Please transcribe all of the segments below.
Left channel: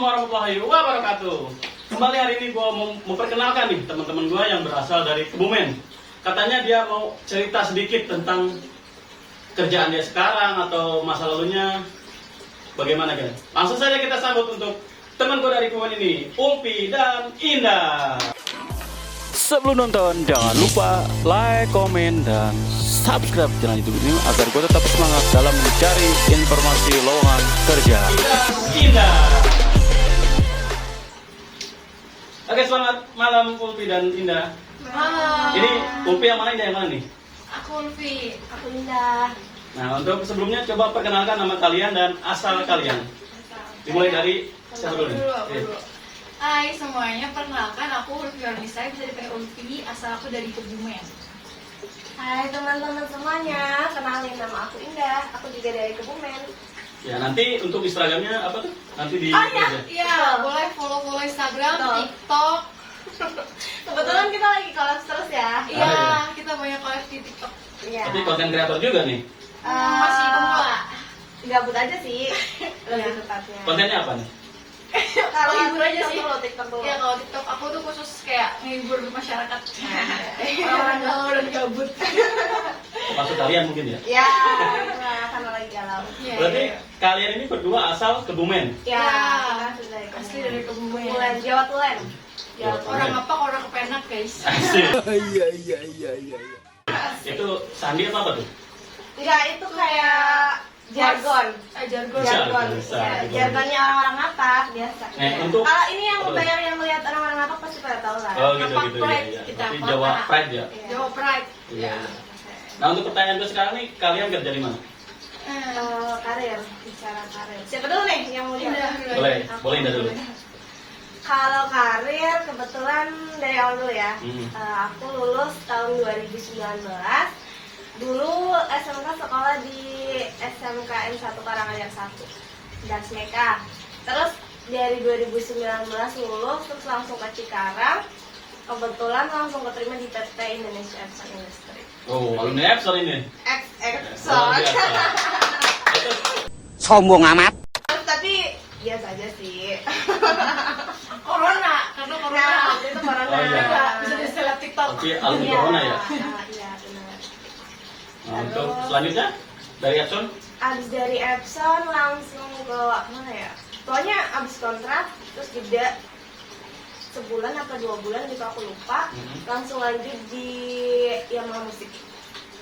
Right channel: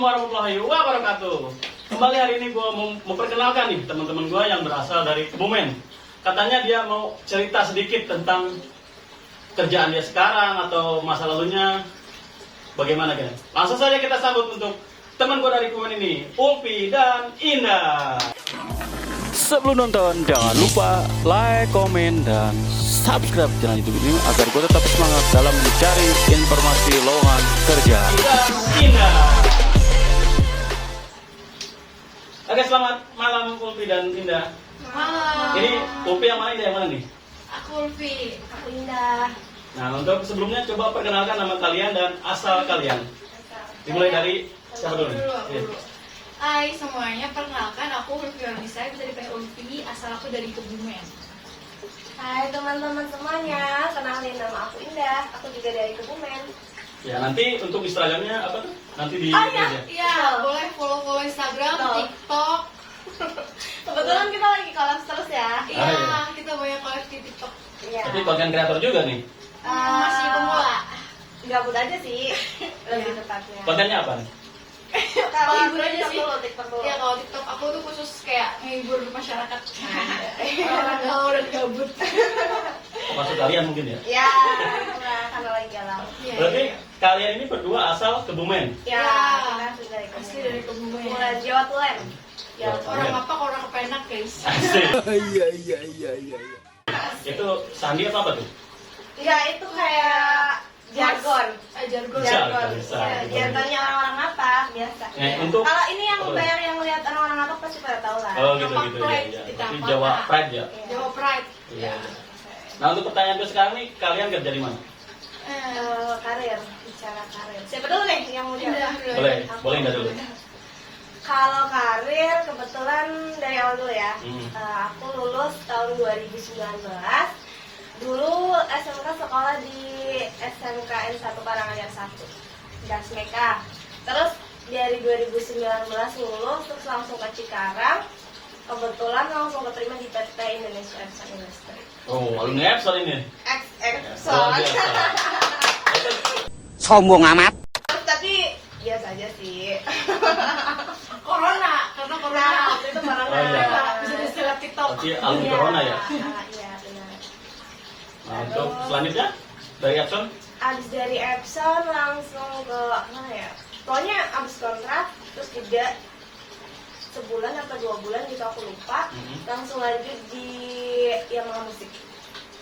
warahmatullahi wabarakatuh. Kembali hari ini gue mau memperkenalkan nih teman-teman gue yang berasal dari Kebumen. Katanya dia mau cerita sedikit tentang kerjaan dia sekarang atau masa lalunya. Bagaimana kan? Langsung saja kita sambut untuk teman gue dari Kebumen ini, Ulfi dan Indah. Sebelum nonton, jangan lupa like, komen, dan subscribe channel YouTube ini agar gue tetap semangat dalam mencari informasi lowongan kerja. Indah. Oke, selamat malam Ulfi dan Indah. Halo. Ini Ulfi yang mana, Indah yang mana nih? Aku Ulfi. Aku Indah. Nah, untuk sebelumnya coba perkenalkan nama kalian dan asal kalian. Dimulai dari siapa dulu? Aku dulu. Hai semuanya, perkenalkan aku Ulfi Ornisa, bisa dipanggil Ulfi, asal aku dari Kebumen. Hai teman-teman semuanya, kenalin nama aku Indah, aku juga dari Kebumen. Ya, nanti untuk Instagramnya apa tuh? Nanti di Oh, iya. aja. Iya, boleh follow Instagram, Betul. TikTok. Kebetulan kita lagi collab terus ya. Iya, iya. kita banyak collab di TikTok. Iya. Tapi konten kreator juga nih. Masih pemula. Gabut aja sih, lebih Iya. tepatnya. Kontennya apa nih? Kalau Hibur aja TikTok sih. dulu, TikTok dulu. Iya, kalau TikTok aku tuh khusus kayak menghibur masyarakat. Orang galau dan gabut. Maksud kalian mungkin ya? Ya, itulah, karena lagi galau. Iya, Berarti iya. kalian ini berdua asal Kebumen. Ya, Ya, kita asli dari Kebumen. asli dari Kebumen. Bulan Jawa Tulen. Jawa Jawa Orang Tulen. apa orang kepenak guys. Itu sandi atau apa tuh? Enggak, itu kayak jargon. Jargon. Jargon. Jargonnya orang-orang Ngapak biasa. Nah, untuk Kalau ini yang apa? banyak yang lihat orang-orang Ngapak pasti pada tahu lah. Oh gitu Apa gitu ya. pride Ya. kita Berarti apa? Jawa Pride ya. Jawa Pride. Iya. Nah, untuk pertanyaan gue sekarang nih, kalian kerja di mana? Karir, bicara karir. Siapa dulu nih yang mau Indah. jawab? Boleh, boleh Indah dulu. Kalau karir, kebetulan dari awal dulu ya. Aku lulus tahun 2019. Dulu SMK sekolah di SMKN 1 Karanganyar 1, Dasmeka. Terus dari 2019 lulus, terus langsung ke Cikarang. Kebetulan langsung keterima di PT Indonesia Epson Industry. Oh, alumni Epson ini. Epson. Luar biasa. Itu Sombong amat. Tapi biasa aja sih. Corona, karena corona. Nah, waktu itu corona. Oh, iya. Bisa diseleb TikTok. Tapi alumni corona ya. Iya, benar. Nah, untuk selanjutnya dari Epson. Abis dari Epson langsung ke mana ya? Pokoknya abis kontrak terus jeda sebulan atau 2 bulan gitu aku lupa. Langsung lanjut di Yamaha Musik.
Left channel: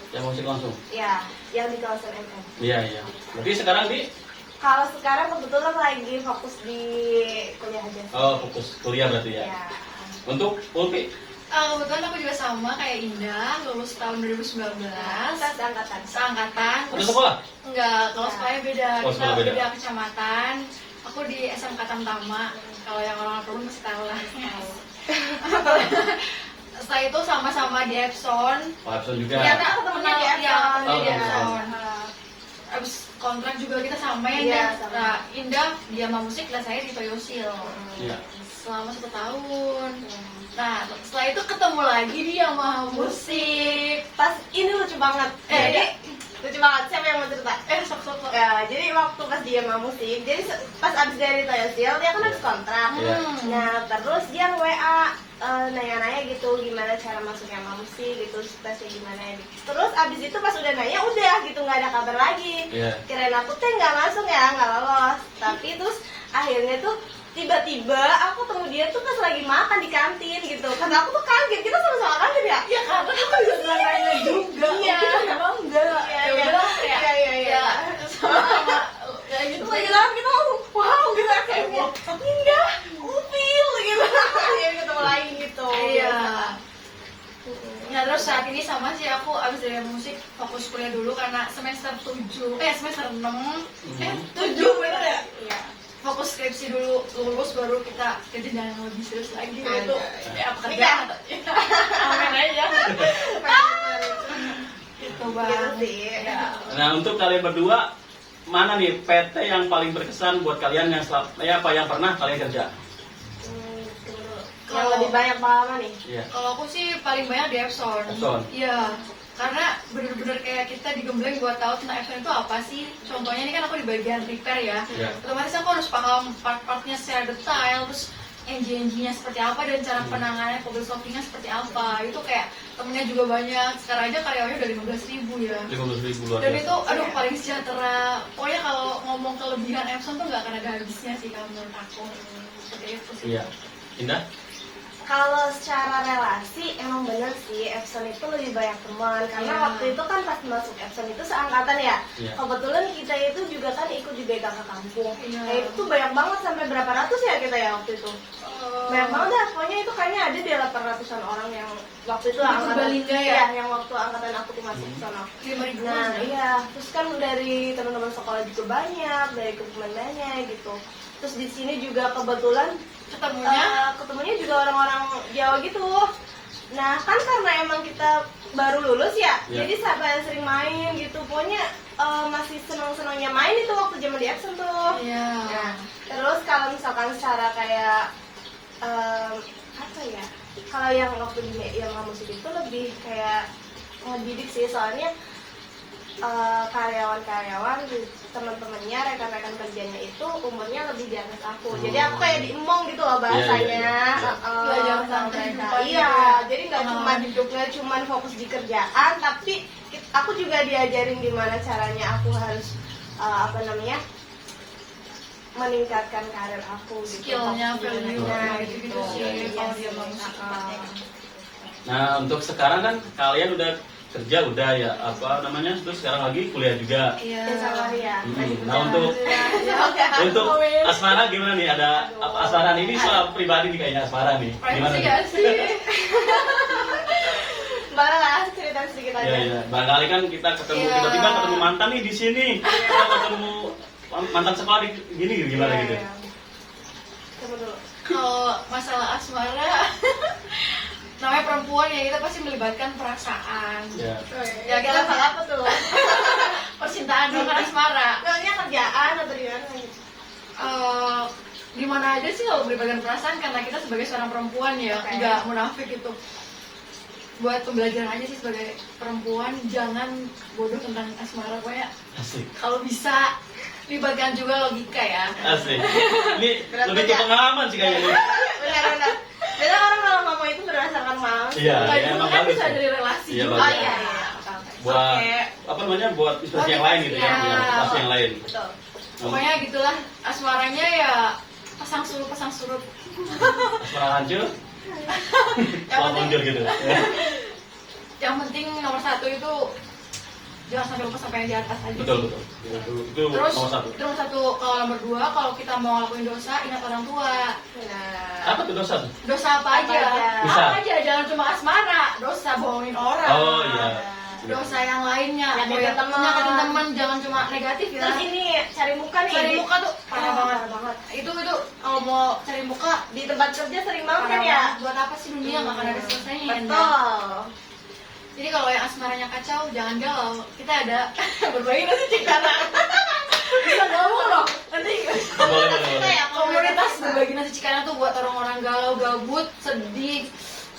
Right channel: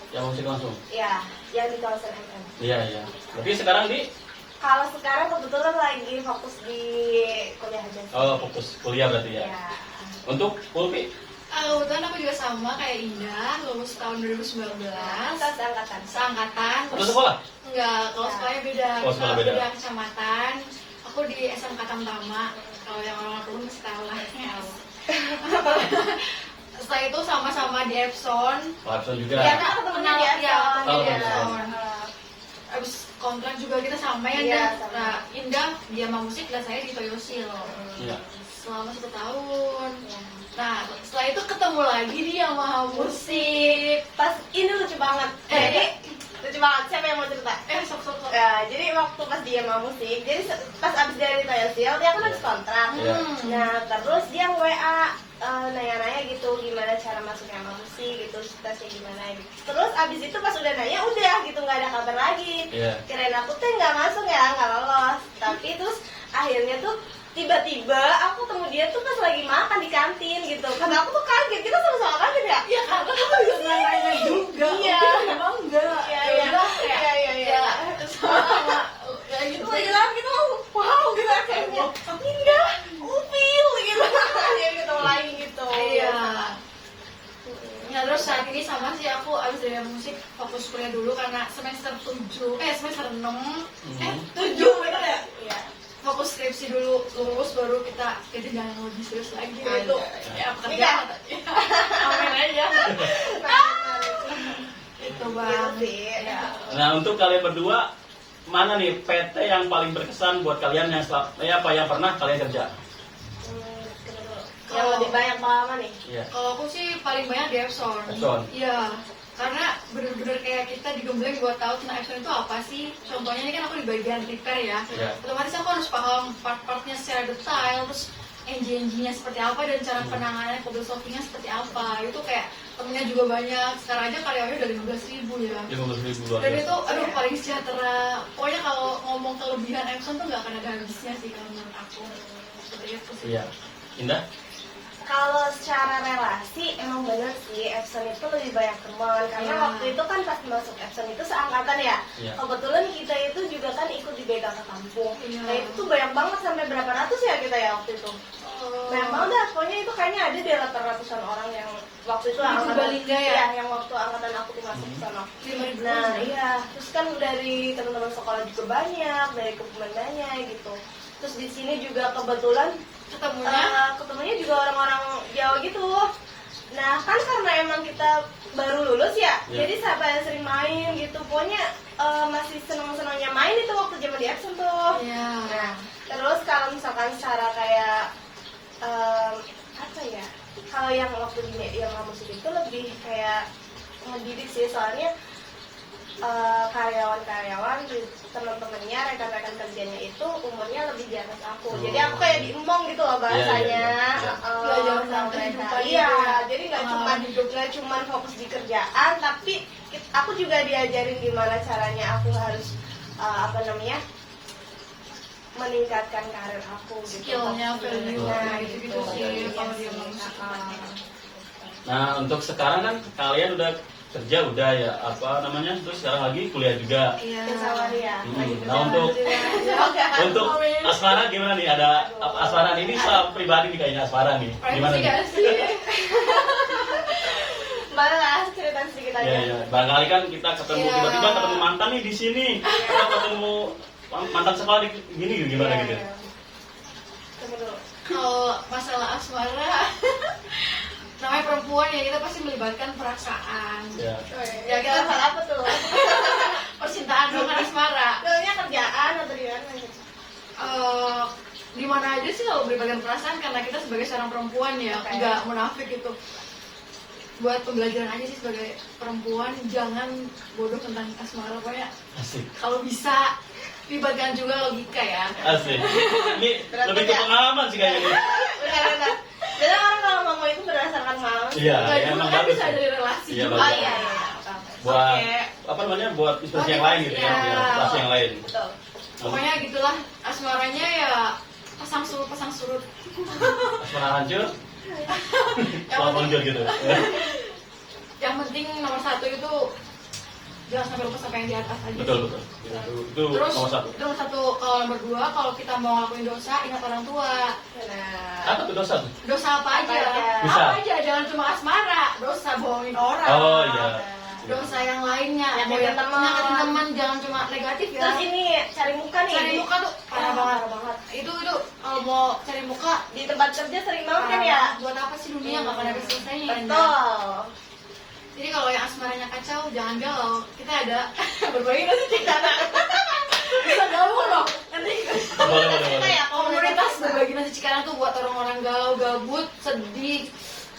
Yang musik langsung. Ya, yang di kawasan MM. Iya, iya. Berarti sekarang di Kalau sekarang kebetulan lagi fokus di kuliah aja sih. fokus kuliah berarti ya. Ya. Untuk Ulfi, Kebetulan aku juga sama kayak Indah, lulus tahun 2019. Kita seangkatan. Seangkatan. ada sekolah? Enggak, kalau sekolahnya beda. Oh, Kita sekolah beda. beda kecamatan. Aku di SMK Tamtama. Kalau yang orang Kebumen masih tahu lah. Setelah itu sama-sama di Epson. Oh, Epson juga. Iya, Kak, aku temennya di Epson. Ya, temennya di Oh, Epson. Abis kontrak juga kita sama ya, Iya, dan sama. Indah dia sama musik dan saya di Toyosil Iya. selama 1 tahun. Nah, setelah itu ketemu lagi dia sama musik. Pas ini lucu banget. Jadi lucu banget. Siapa yang mau cerita? Sok. Ya, jadi waktu pas dia mau musik, jadi pas abis dari Toyosil, dia kan habis kontrak. Iya. Nah, terus dia WA nanya-nanya gitu gimana cara masuknya sama musik gitu, tesnya gimana gitu. Terus abis itu pas udah nanya udah gitu nggak ada kabar lagi. Iya. Kirain aku tuh nggak masuk ya, nggak lolos. Tapi terus akhirnya tuh tiba-tiba aku ketemu dia tuh pas lagi makan di kantin gitu. Karena aku tuh kaget, kita sama-sama kaget ya. Ya karena kamu juga nanya juga. Iya. Emang enggak. Iya, Ya iya. udah, Iya. sama ya gitu Lagi aja. dalam gitu, wow gitu akhirnya. Indah, Upil gitu. Dia ketemu lagi gitu. Iya. Ya terus saat ini sama sih aku abis dari musik fokus kuliah dulu karena semester 6 7 bener ya? Iya. fokus skripsi dulu, lulus baru kita jadi jangan lebih serius lagi gitu. Ya pekerjaan atau amin aja. Itu bang. Gitu sih. Ya. Nah, untuk kalian berdua, mana nih PT yang paling berkesan buat kalian yang yang pernah kalian kerja? Yang lebih banyak pengalaman nih. Iya. Kalau aku sih paling banyak di Epson. Epson. Iya. Karena bener-bener kayak kita digembleng buat tahu tentang Epson itu apa sih. Contohnya ini kan aku di bagian repair ya. Iya. Otomatis aku harus paham part-partnya secara detail, terus NG-nya seperti apa dan cara penanganannya, problem solvingnya seperti apa. Itu kayak temennya juga banyak. Sekarang aja karyawannya udah 15.000 ya. 15.000 luar Dan biasa. itu aduh paling sejahtera. Pokoknya kalau ngomong kelebihan Epson tuh nggak akan ada habisnya sih kalau menurut aku. Seperti itu sih. Iya. Indah? Kalau secara relasi emang bener sih Epson itu lebih banyak teman karena Iya. waktu itu kan pas masuk Epson itu seangkatan ya. Iya. Kebetulan kita itu juga kan ikut di BKK kampung. Iya. Nah, itu banyak banget sampai berapa ratus ya kita ya waktu itu. Banyak banget dah, pokoknya itu kayaknya ada di 800-an orang yang waktu itu Di Purbalingga ya? Iya, yang waktu angkatan aku tuh masuk ke sana. 5.000. Nah iya, terus kan dari teman-teman sekolah juga banyak, dari komandannya gitu. Terus di sini juga kebetulan ketemunya juga orang-orang Jawa gitu. Nah kan karena emang kita baru lulus ya, Ya. jadi siapa yang sering main gitu. Pokoknya masih senang-senangnya main itu waktu zaman di Epson tuh. Iya. Nah, terus kalau misalkan secara kayak apa ya? Kalau yang waktu di yang musik itu lebih kayak ngedidik sih, soalnya karyawan-karyawan teman-temannya, rekan-rekan kerjanya itu umurnya lebih di atas aku. Jadi aku kayak diemong gitu loh bahasanya. Iya. Belajar Sama tentang mereka. kehidupan Iya, gitu ya. jadi nggak cuma fokus di kerjaan, tapi aku juga diajarin gimana caranya aku harus meningkatkan karir aku gitu. Skillnya, value-nya, Nah, gitu-gitu sih Iya kalau dia sih. mau tempatnya. Nah, untuk sekarang kan kalian udah kerja udah ya apa namanya? Terus sekarang lagi kuliah juga. Iya. Ya sama dia. Nah, untuk asmara gimana nih? Ada apa asmara ini soal pribadi nih kayaknya asmara nih. Gimana Privacy nih? gak sih? Malah cerita sedikit aja. Iya, iya. Barangkali kan kita ketemu Iya. tiba-tiba ketemu mantan nih di sini. Kita ketemu mantan sekolah di gini gimana Iya, gitu. iya. Tunggu dulu. Kalau masalah asmara, namanya perempuan ya kita pasti melibatkan perasaan. Ya. Ya kita Salah apa tuh? percintaan dengan asmara. Soalnya kerjaan atau di mana? Di mana aja sih kalau melibatkan perasaan karena kita sebagai seorang perempuan ya Oke. nggak munafik gitu. Buat pembelajaran aja sih sebagai perempuan, jangan bodoh tentang asmara. Pokoknya Asik. kalau bisa libatkan juga logika ya. Asik. Ini Berat lebih ke ya? pengalaman sih kayaknya. nih. Benar-benar. Biasanya orang kalau ngomong itu berdasarkan pengalaman. Iya, Nggak ya, juga emang kan bagus. bisa ya. dari relasi Iya, juga. bagus. Oh iya. Buat Oke. apa namanya? Buat inspirasi yang lain gitu ya. Iya. Biar inspirasi yang lain. Betul. Pokoknya gitulah asmaranya ya pasang surut. Asmara hancur, Yang selamat penting, hancur gitu. yang penting nomor satu itu jangan sampai lupa sampai yang di atas aja. Betul betul. Itu Terus nomor satu. itu nomor satu. Kalau nomor dua, kalau kita mau ngelakuin dosa, ingat orang tua. Nah. Apa tuh dosa tuh? Dosa apa aja? Bisa. Apa aja, jangan cuma asmara. Dosa bohongin orang. Oh iya. Dosa yang lainnya. Nyakitin teman. Nyakitin teman, jangan cuma negatif ya. Terus ini cari muka nih. Cari muka tuh parah banget. Parah banget. Itu kalau mau cari muka Di tempat kerja sering banget parah kan ya. banget. Buat apa sih dunia nggak akan ada selesainya. Indah. Betul. Jadi kalau yang asmaranya kacau, jangan galau. Kita ada berbagi nasi cikana. Bisa galau loh. Nanti Boleh boleh Kita boleh. ya komunitas berbagi nasi cikana tuh buat orang-orang galau, gabut, sedih,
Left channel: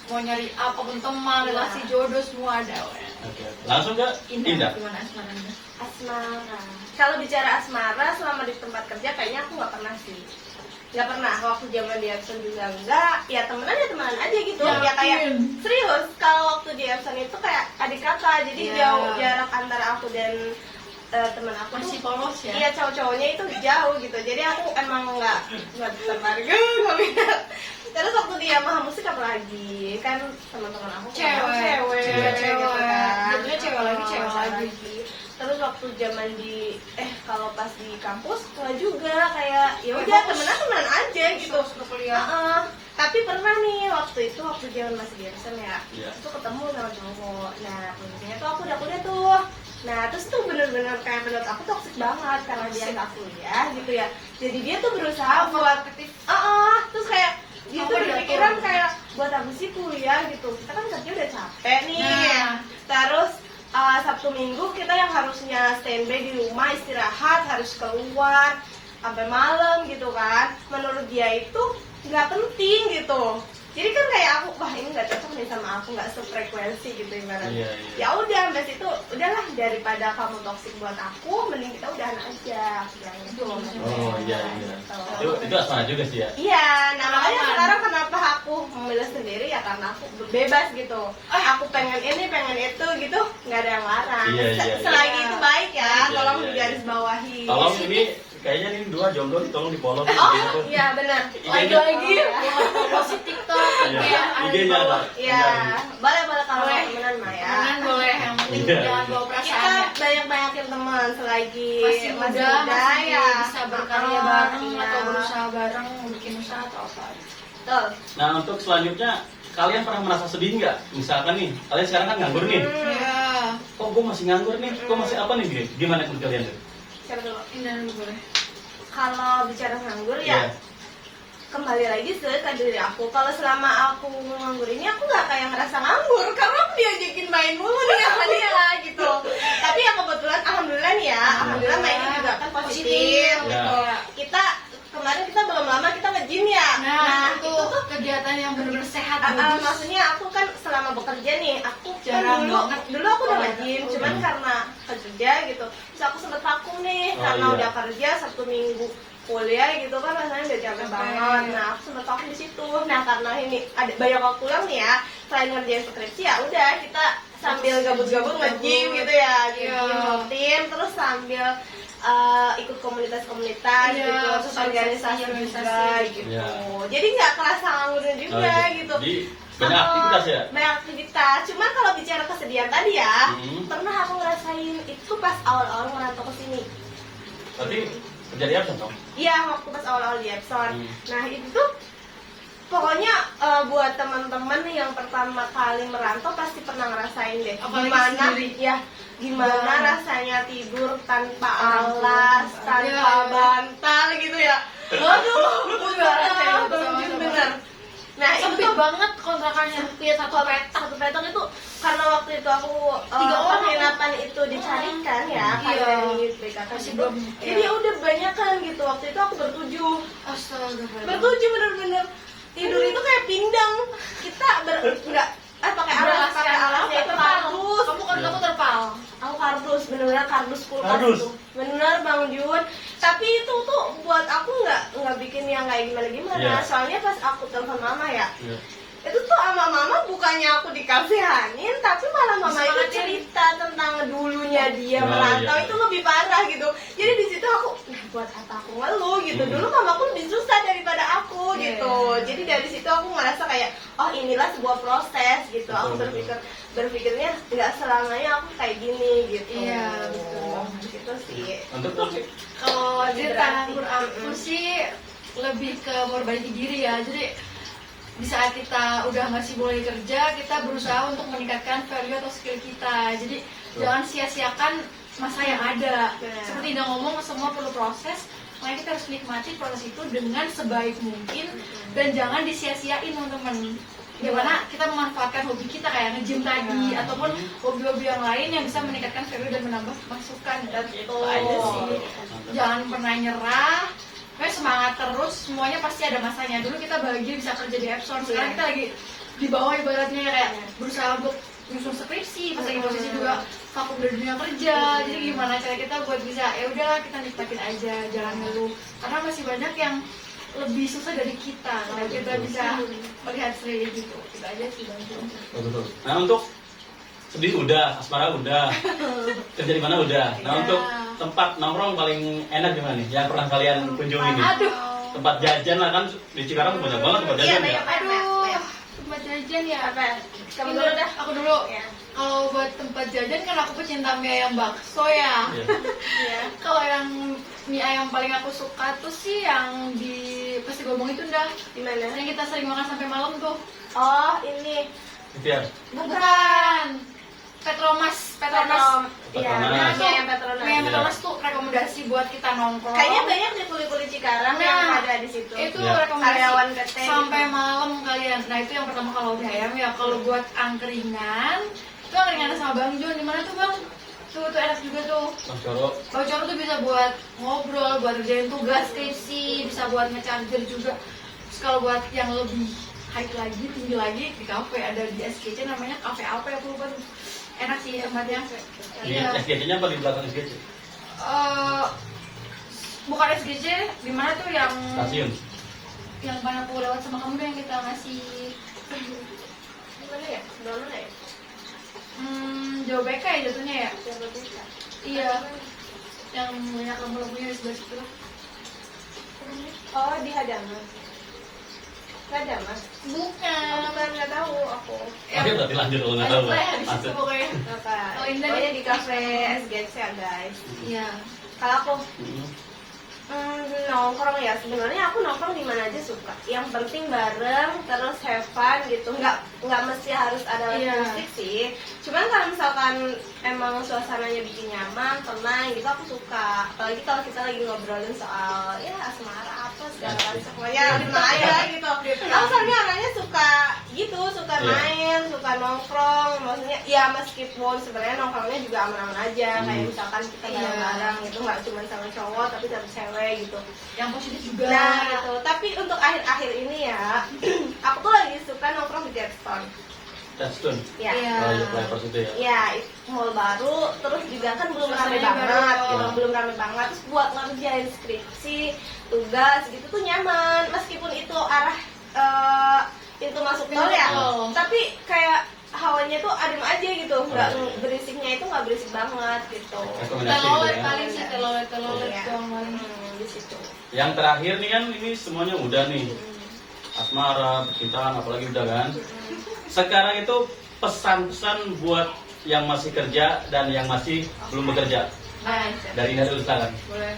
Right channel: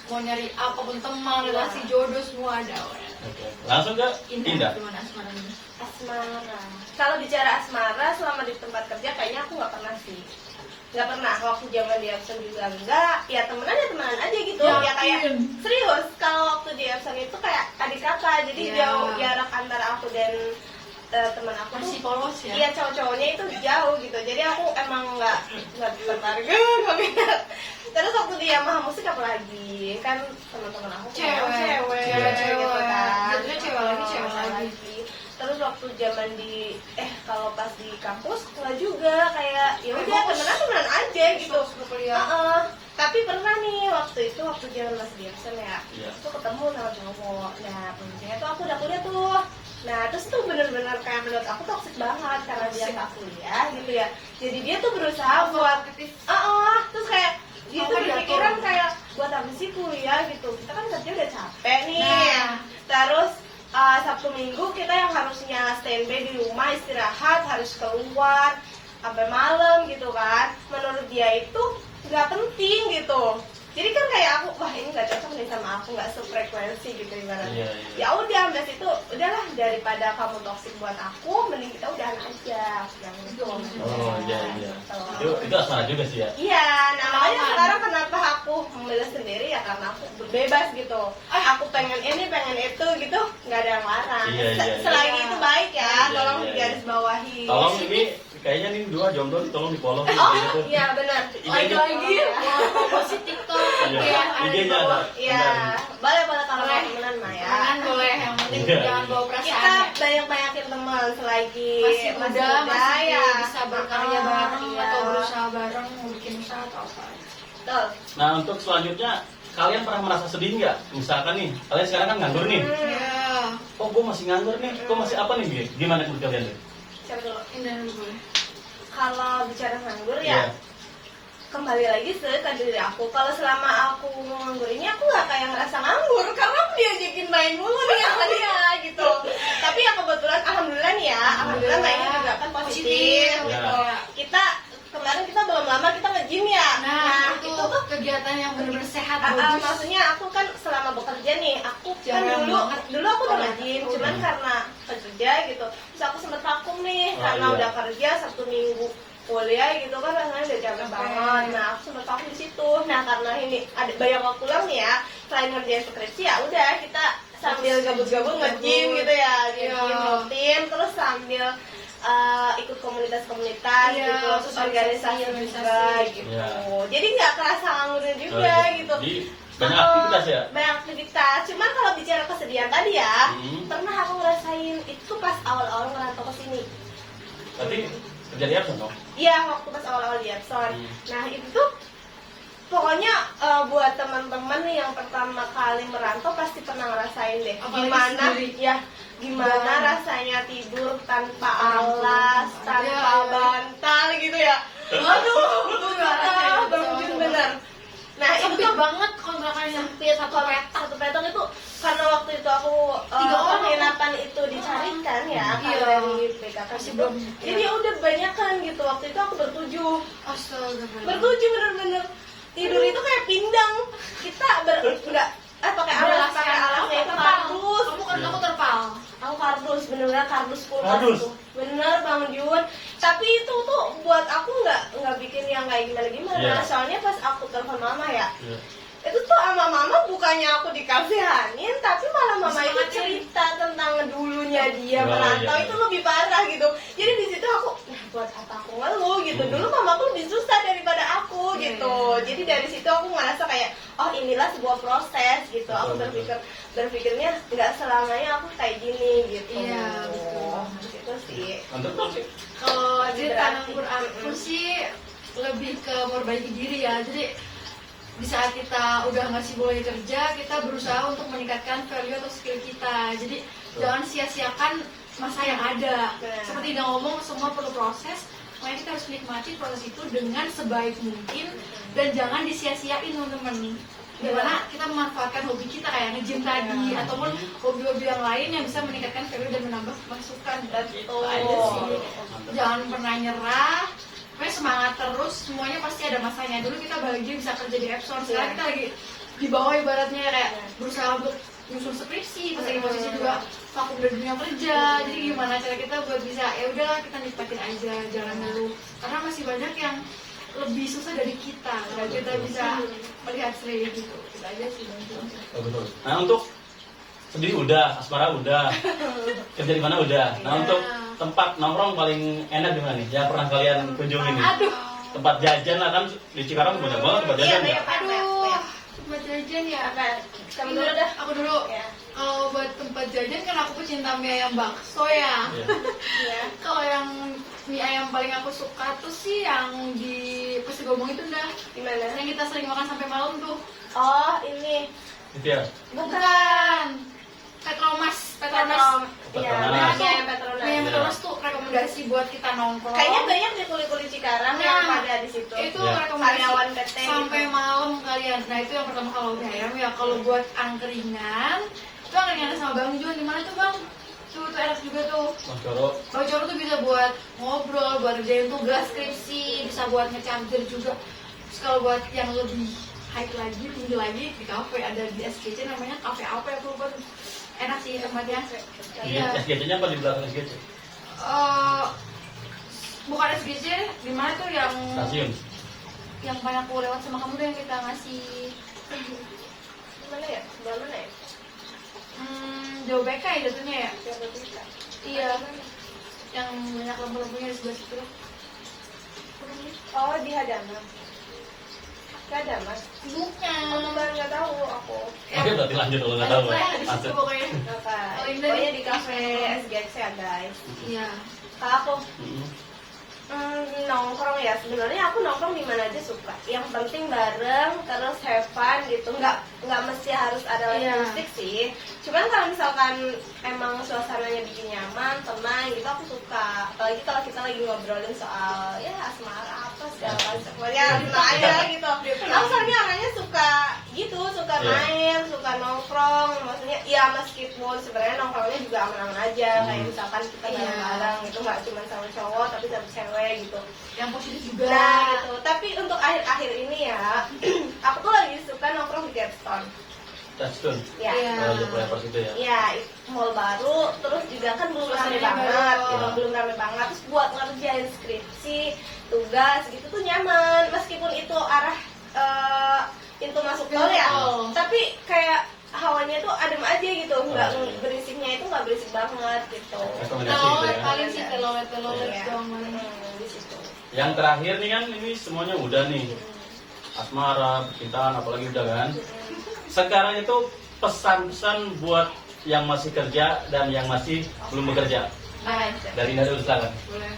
mau nyari apapun teman, relasi, jodoh semua ada. Oke. Langsung ke Indah. Gimana asmaranya? asmara. Kalau bicara asmara selama di tempat kerja kayaknya aku nggak pernah sih. Nggak pernah. Waktu zaman di Epson juga enggak. Ya temenan aja gitu. Yakin? Ya kayak serius. Kalau waktu di Epson itu kayak adik kakak. Jadi Iya. jauh jarak antara aku dan teman aku Masih tuh. polos ya? Iya, cowok-cowoknya itu jauh gitu. Jadi aku emang nggak tertarik, nggak minat. Terus waktu di Yamaha Musik apalagi kan teman-teman aku Cewek. gitu kan. Jatuhnya cewek lagi, cewek lagi. Terus waktu zaman di kalau pas di kampus nggak juga kayak ya udah temenan aja gitu. kuliah. Tapi pernah nih waktu zaman masih di Epson ya, Iya. itu ketemu sama cowok. Nah posisinya tuh aku udah kuliah tuh. Nah terus tuh bener-bener kayak menurut aku toksik banget karena dia nggak kuliah gitu ya. Jadi dia tuh berusaha buat terus kayak dia tuh Apa berpikiran diatur? kayak buat apa sih kuliah gitu. Kita kan kerja udah capek nih. Nah. Terus Sabtu Minggu kita yang harusnya standby di rumah istirahat harus keluar sampai malam gitu kan. Menurut dia itu nggak penting gitu. Jadi kan kayak aku, wah ini nggak cocok nih sama aku, nggak sefrekuensi gitu ibaratnya. Iya, iya. Ya udah, sampai situ udahlah, daripada kamu toksik buat aku, mending kita udahan aja, yang itu. Oh iya. Itu asmara juga sih ya. Iya, nah makanya Pengalaman. sekarang kenapa aku memilih sendiri ya karena aku bebas gitu. Aku pengen ini, pengen itu gitu, nggak ada yang larang. Iya, iya. Selagi Iya. itu baik ya, Iya, tolong iya, digarisbawahi. Tolong ini kayaknya ini dua jomblo nih, tolong di follow Oh gitu. iya benar. Lagi-lagi buat promosi TikTok Iya. kayak ada di IG-nya bawah. ada. Iya, boleh kalau Boleh. temenan mah ya. Jangan boleh, yang penting Iya. jangan bawa Kita perasaan. banyak-banyakin teman selagi Masih muda, masih ya. bisa berkarya bareng Iya. atau berusaha bareng, mau bikin usaha atau apa. Betul. Nah untuk selanjutnya kalian pernah merasa sedih nggak? Misalkan nih, kalian sekarang kan nganggur nih. Iya. Oh gue masih nganggur nih, gue masih apa nih Gi? Gimana menurut kalian tuh? Siapa dulu? Indah dulu boleh. Kalau bicara nganggur Iya. ya kembali lagi ke diri aku. Kalau selama aku nganggur ini aku nggak kayak ngerasa nganggur karena aku diajakin main mulu nih sama dia gitu. Tapi ya kebetulan alhamdulillah nih ya, alhamdulillah mainnya juga kan positif Ya. gitu. Kemarin kita belum lama kita nge-gym ya. Nah, itu itu tuh kegiatan yang benar-benar sehat, bagus. maksudnya aku kan selama bekerja nih, aku Jarang kan banget. dulu aku udah Oh, nge-gym, oh, cuman iya. karena kerja gitu, terus aku sempet vakum nih Oh, karena iya. udah kerja Sabtu Minggu kuliah gitu kan rasanya udah capek Capek. banget. Nah aku sempet vakum di situ. Nah karena ini ada banyak waktu pulang nih ya, selain ngerjain skripsi ya udah kita sambil gabut-gabut nge-gym gitu ya, Iya. gym rutin, terus sambil ikut komunitas-komunitas Iya, gitu, terus organisasi juga gitu. Iya. Jadi nggak kerasa nganggurnya juga Oh, gitu. Jadi banyak aktivitas ya? Banyak aktivitas. Cuman kalau bicara kesedihan tadi ya, Hmm. pernah aku ngerasain itu pas awal-awal merantau ke sini. Berarti kerja di Epson dong? Iya, waktu pas awal-awal di Epson. Nah itu tuh pokoknya buat teman-teman nih yang pertama kali merantau pasti pernah ngerasain deh. Apalagi Gimana sendiri. ya? Gimana Iya. rasanya tidur tanpa alas, tanpa Iya. bantal gitu ya? Waduh, Aku juga ngerasain itu bener sama-sama. bener. Nah itu Sempit tuh banget kontrakannya. satu petok itu karena waktu itu aku 3 orang. penginapan itu dicarikan ya Iya. kalau dari BKK Masih itu. belum, Jadi iya. ya udah banyak kan gitu, waktu itu aku bertujuh Astaga. bener-bener tidur itu kayak pindang, kita nggak pakai alas, pakai alasnya itu kardus. Kamu kan aku terpal. Aku kardus, bener-bener kardus kulkas Kardus? tuh. Bener Bang Jun. Tapi itu tuh buat aku nggak bikin yang kayak gimana-gimana. Iya. Soalnya pas aku telepon mama ya, Iya. itu tuh sama mama bukannya aku dikasihanin, tapi malah mama itu Semangatin. cerita tentang dulunya dia Oh, merantau iya. itu lebih parah gitu. Jadi di situ aku, nah buat apa aku ngeluh gitu. Dulu mamaku lebih susah daripada aku Iya. gitu. Jadi dari situ aku ngerasa kayak, oh inilah sebuah proses gitu. Aku Betul, berpikirnya nggak selamanya aku kayak gini gitu. Iya, betul. Gitu sih. Untuk Putri? Kalau Lebih di berarti. nganggur aku sih lebih ke memperbaiki diri ya. Jadi di saat kita udah nggak sibuk lagi kerja, kita berusaha untuk meningkatkan value atau skill kita. Jadi jangan sia-siakan masa yang ada. Benar. Seperti dia ngomong, semua perlu proses. Makanya kita harus nikmati proses itu dengan sebaik mungkin dan jangan disia-siain teman-teman. Gimana kita memanfaatkan hobi kita kayak nge-gym tadi ataupun hobi-hobi yang lain yang bisa meningkatkan value dan menambah masukan. Betul. Aja sih. Jangan pernah nyerah. Pokoknya semangat terus, semuanya pasti ada masanya. Dulu kita bahagia bisa kerja di Epson, sekarang kita lagi di bawah ibaratnya kayak berusaha untuk nyusun skripsi, pas lagi posisi juga vakum dari dunia kerja. Jadi gimana cara kita buat bisa, ya udah kita nikmatin aja, jangan ngeluh. Karena masih banyak yang lebih susah dari kita, kalau kita bisa melihat sendiri gitu. Kita aja sih bantu. Betul. Nah untuk sedih udah, asmara udah, kerja di mana udah. Nah Iya. untuk tempat nongkrong paling enak di mana nih? Yang pernah kalian kunjungi nih? Aduh. Tempat jajan lah kan di Cikarang banyak banget tempat Iya, jajan ya. banyak. Aduh, tempat jajan ya. Apa? Kamu dulu dah. Aku dulu. Ya. Kalau buat tempat jajan kan aku pecinta mie ayam bakso ya. Iya. Iya. Kalau yang mie ayam paling aku suka tuh sih yang di Pasti Gomong itu dah. Gimana? Yang kita sering makan sampai malam tuh. Oh ini. Gitu ya. Bukan. Petromas. Iya, Petronas. Nah, tuh, mie ayam Petronas. mie ayam Petronas tuh rekomendasi buat kita nongkrong. Kayaknya banyak di kuli-kuli Cikarang yang Nah, ada di situ. itu Ya. rekomendasi Karyawan PT sampai gitu. malam kalian. Nah itu yang pertama kalau mie ayam ya. Kalau buat angkringan itu angkringan sama Bang Jun. Di mana tuh Bang? Tuh enak juga tuh. Mas Coro. Voucher tuh bisa buat ngobrol, buat kerjain tugas skripsi, bisa buat nge-charger juga. Terus kalau buat yang lebih hike lagi, tinggi lagi di kafe, ada di SGC namanya kafe apa ya, aku lupa tuh. Enak sih tempatnya. Iya. SGC-nya apa di belakang SGC? Bukan SGC, di mana tuh yang Stasiun. yang banyak aku lewat sama kamu tuh yang kita ngasih Mana ya? Sebelah mana ya? Jauh BK ya jatuhnya ya. Jalan Desa. Iya, yang banyak lampu-lampunya di sebelah situ lah. Oh, di Hadaman. Gak ada mas. Bukan. Bukan, nggak tahu aku. Oke, berarti lanjut kalau nggak tahu. Ada di situ Lanjut. pokoknya. Apa? Oh, Indah Pokoknya nih. di kafe SGC ya guys. Iya. Kalau aku Mm. nongkrong ya, sebenarnya aku nongkrong di mana aja suka. Yang penting bareng, terus have fun gitu. Nggak mesti harus ada live Iya. musik sih. Cuman kalau misalkan emang suasananya bikin nyaman, tenang gitu, aku suka. Apalagi kalau kita lagi ngobrolin soal ya asmara apa segala macam, pokoknya tenang aja gitu. Aku soalnya orangnya suka gitu, suka Iya. main, suka nongkrong. Maksudnya ya meskipun sebenarnya nongkrongnya juga aman-aman aja. Kayak misalkan kita Iya. bareng-bareng gitu, nggak cuma sama cowok tapi sama cewek gitu. Yang positif juga. Nah gitu. Tapi untuk akhir-akhir ini ya, aku tuh lagi suka nongkrong di Getstone. Stasiun. Ya. Iya. Oh, iya, Players itu ya. Ya, mall baru, terus juga kan belum rame Suasananya banget, baru. gitu, belum rame banget. Terus buat ngerjain skripsi, tugas gitu tuh nyaman, meskipun itu arah pintu masuk tol ya, Betul. tapi kayak hawanya tuh adem aja gitu, nggak berisiknya itu nggak berisik banget gitu. Rekomendasi Telolet gitu ya. paling sih, telolet Iya. doang paling. Di situ. Yang terakhir nih kan ini semuanya udah nih. Asmara, percintaan, apalagi udah kan. Sekarang itu pesan-pesan buat yang masih kerja dan yang masih belum bekerja. Baik. Dari dulu silakan. Boleh.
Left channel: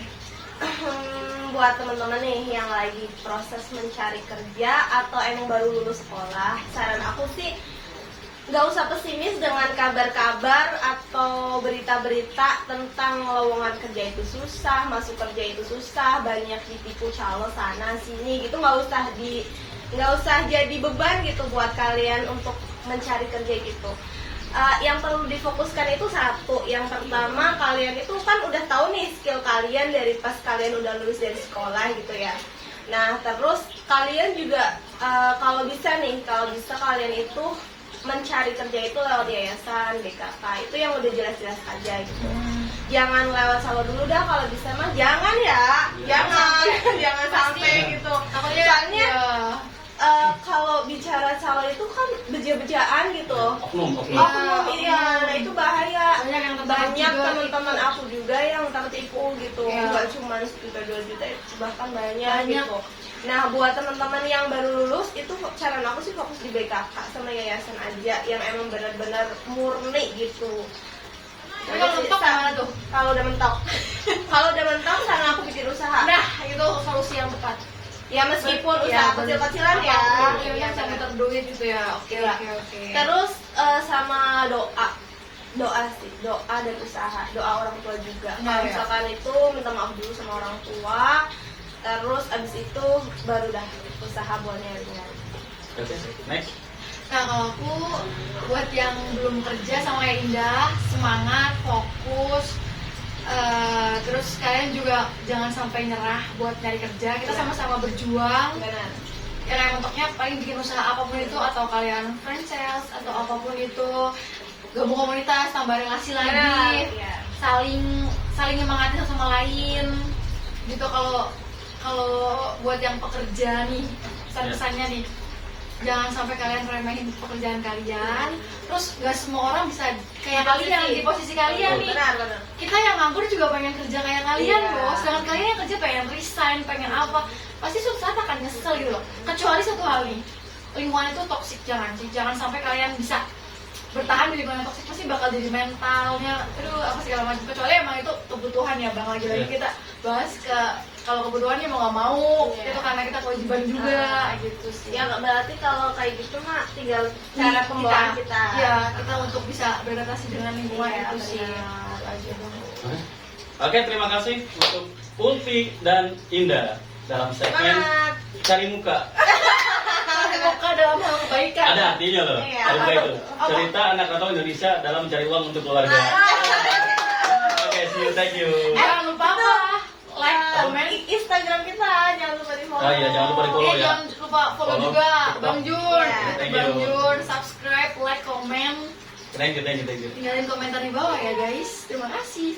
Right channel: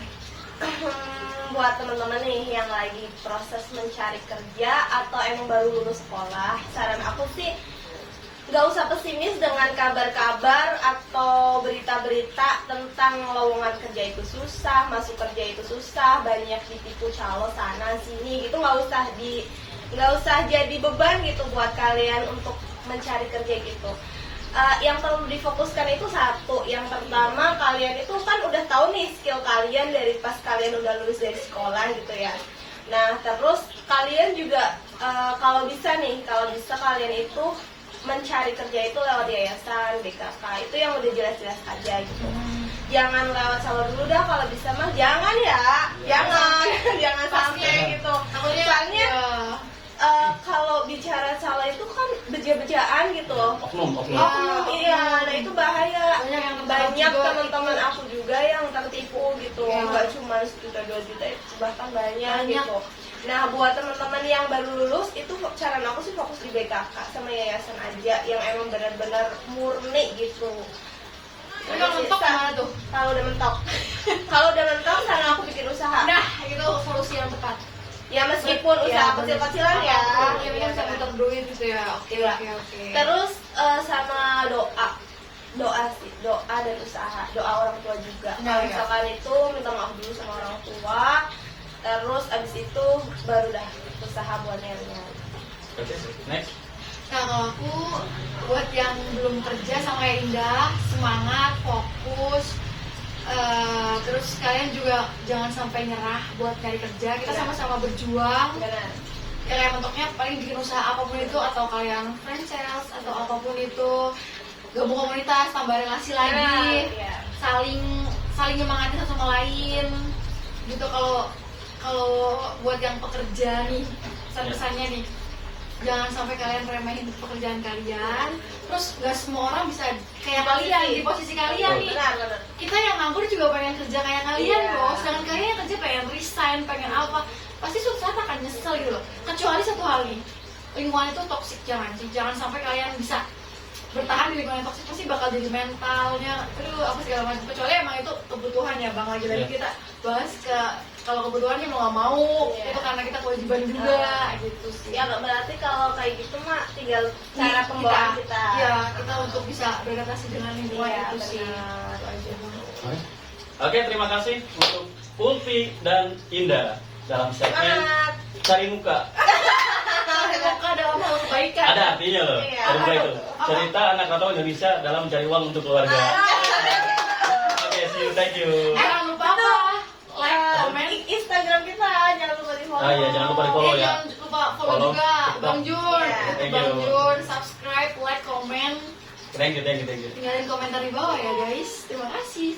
Buat teman-teman nih yang lagi proses mencari kerja atau emang baru lulus sekolah, saran aku sih nggak usah pesimis dengan kabar-kabar atau berita-berita tentang lowongan kerja itu susah, masuk kerja itu susah, banyak ditipu calo sana sini gitu. Nggak usah jadi beban gitu buat kalian untuk mencari kerja gitu. Yang perlu difokuskan itu satu, yang pertama kalian itu kan udah tahu nih skill kalian dari pas kalian udah lulus dari sekolah gitu ya. Nah terus kalian juga kalau bisa kalian itu mencari kerja itu lewat yayasan, BKK, itu yang udah jelas-jelas aja gitu. Jangan lewat salo dulu dah, kalau bisa mah jangan ya, jangan sampai gitu. Takutnya Soalnya ya, kalau bicara salo itu kan beja-bejaan gitu. Oknum. Iya, nah itu bahaya. banyak yang Banyak juga teman-teman gitu. aku juga yang tertipu gitu, Iya. nggak cuma 1 juta 2 juta, bahkan banyak Banyak. gitu. Nah buat teman-teman yang baru lulus itu saran aku sih fokus di BKK sama yayasan aja yang emang benar-benar murni gitu. Tapi kalau mentok gimana tuh? Kalau udah mentok, kalau udah mentok saran aku bikin usaha. Nah, itu solusi yang tepat. Ya meskipun Ya, usaha kecil-kecilan ya. Apapun, yang Iya, bisa kan. muter duit gitu ya. Oke. Terus sama doa sih, doa dan usaha, doa orang tua juga. Nah, Kalau ya. misalkan itu minta maaf dulu sama orang tua, terus abis itu baru dah usaha buat nyari-nyari. Oke, next. Nah, kalau aku buat yang belum kerja sama kayak Indah, semangat, fokus. Terus kalian juga jangan sampai nyerah buat nyari kerja. Kita sama-sama berjuang. Benar. Ya kayak mentoknya paling bikin usaha apapun itu, atau kalian franchise atau apapun itu, gabung komunitas, tambah relasi lagi, Iya. saling nyemangatin satu sama lain gitu. Kalau buat yang pekerja nih, pesan-pesannya nih, jangan sampai kalian remehin pekerjaan kalian. Terus nggak semua orang bisa kayak kalian di posisi kalian nih. Benar. Kita yang nganggur juga pengen kerja kayak kalian Iya. loh. Sedangkan kalian yang kerja pengen resign, pengen apa, pasti suatu saat akan nyesel gitu loh. Kecuali satu hal nih, lingkungan itu toksik. Jangan sampai kalian bisa bertahan di lingkungan toksik, pasti bakal jadi mentalnya apa segala macam. Kecuali emang itu kebutuhan ya bang, lagi-lagi Iya. kita bahas kalau kebutuhannya mau nggak mau, Iya. itu karena kita kewajiban juga gitu sih. Ya nggak berarti kalau kayak gitu mah tinggal cara pembawaan kita. Ya, kita untuk bisa beradaptasi dengan lingkungan Iya, itu sih. benar. Itu aja. Oke, terima kasih untuk Ulfi dan Indah dalam segmen Semangat. Cari Muka. Muka dalam hal kebaikan. Ada artinya loh. Iya. Cari Muka itu. Cerita anak rantau Indonesia dalam mencari uang untuk keluarga. Oke, see you, thank you. Jangan lupa apa? Like, Eh, comment, Instagram kita jangan lupa di follow. Ah iya, jangan lupa di follow ya. Jangan lupa follow Follow, juga TikTok. Bang Jun. Iya. Thank Bang you. Jun, subscribe, like, comment. Thank you. Tinggalin komentar di bawah ya guys. Terima kasih.